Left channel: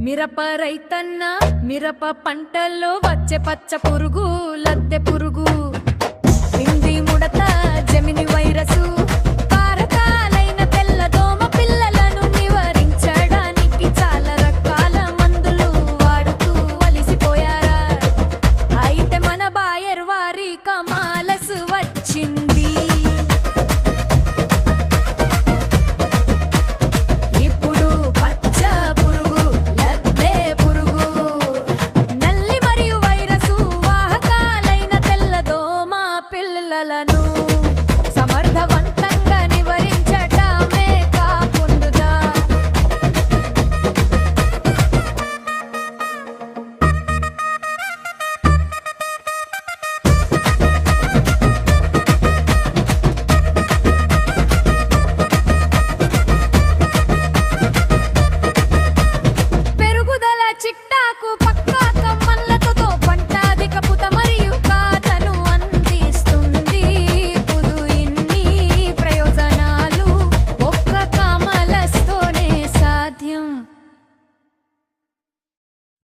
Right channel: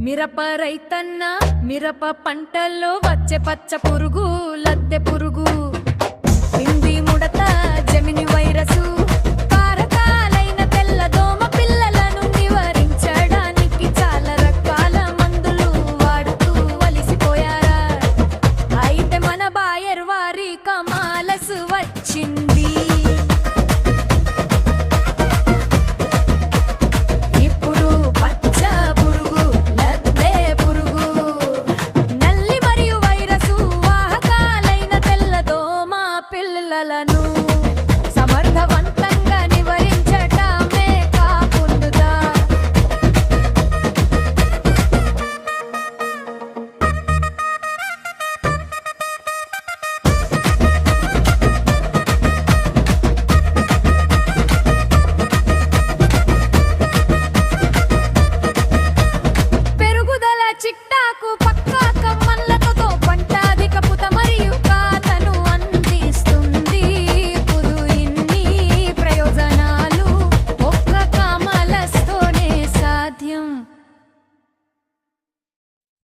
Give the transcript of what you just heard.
మిరప రైతన్న మిరప పంటల్లో వచ్చే పచ్చ పురుగు లద్దె పురుగు పిండి ముడత జమిని వైరసు